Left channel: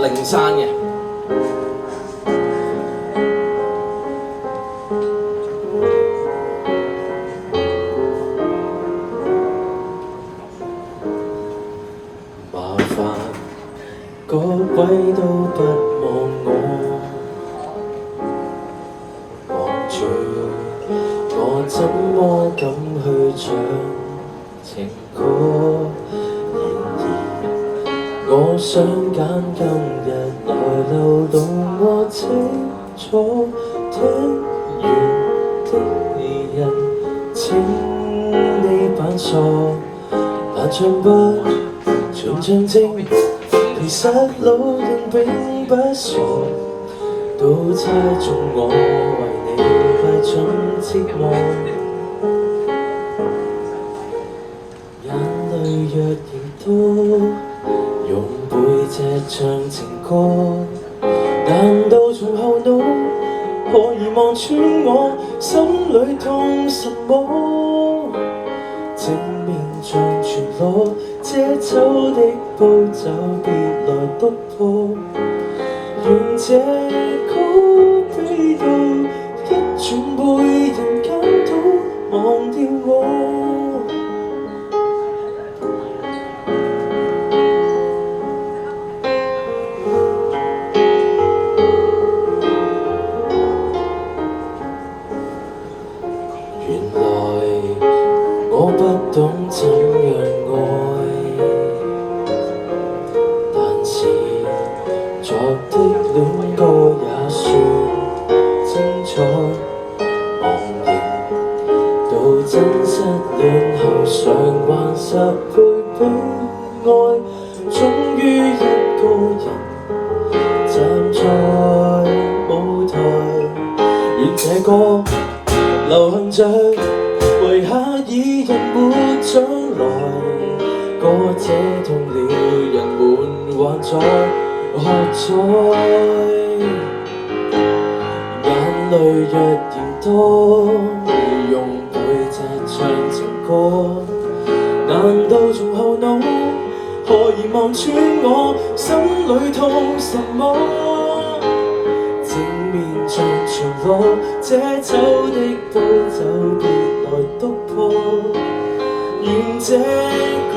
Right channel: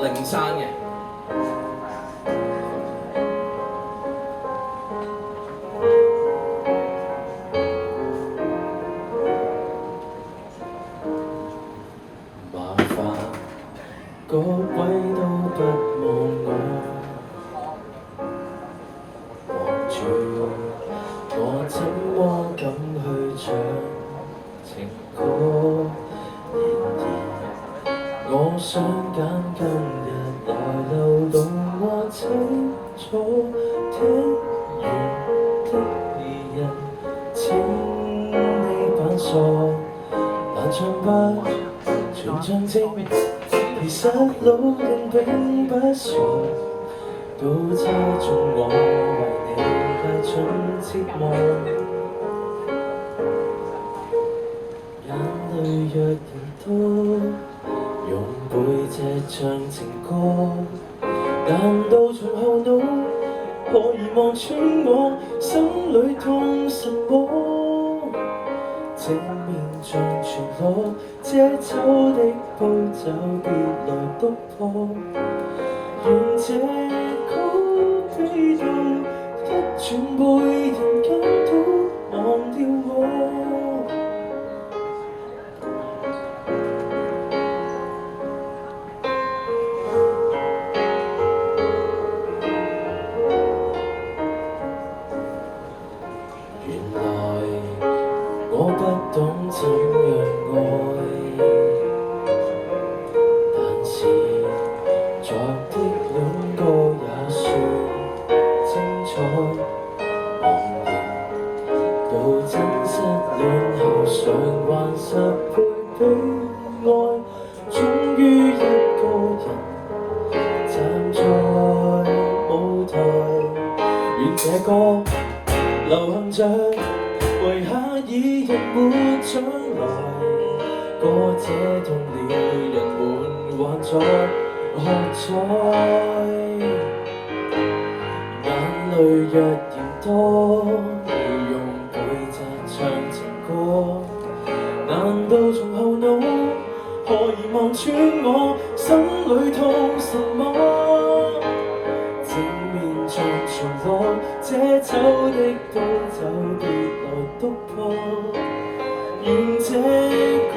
靈山嘅。麻煩各位都不望我，望住我怎麼敢去唱情歌？我想揀今日來流動我清楚聽完的人，請你板鎖，但唱不全唱精，其實老人並不傻，都猜中我為你不准寂寞，眼淚若然多。用背脊唱情歌，難道從後腦可以望穿我心裏痛什麼？正面像全裸，遮醜的步驟別來突破，願這曲低到一轉背人間都忘掉我。原來我不懂怎樣愛，但是昨的戀歌也算精彩。茫然到真失戀後償還10倍悲哀，終於一個人站在舞台，願這歌流行着為下二人沒將來，歌這痛了人們還在喝彩，眼淚若然多會用背脊唱情歌，難道從後腦可以望穿我心裏痛什麼？正面像全裸，遮醜的步驟別來突破，願這歌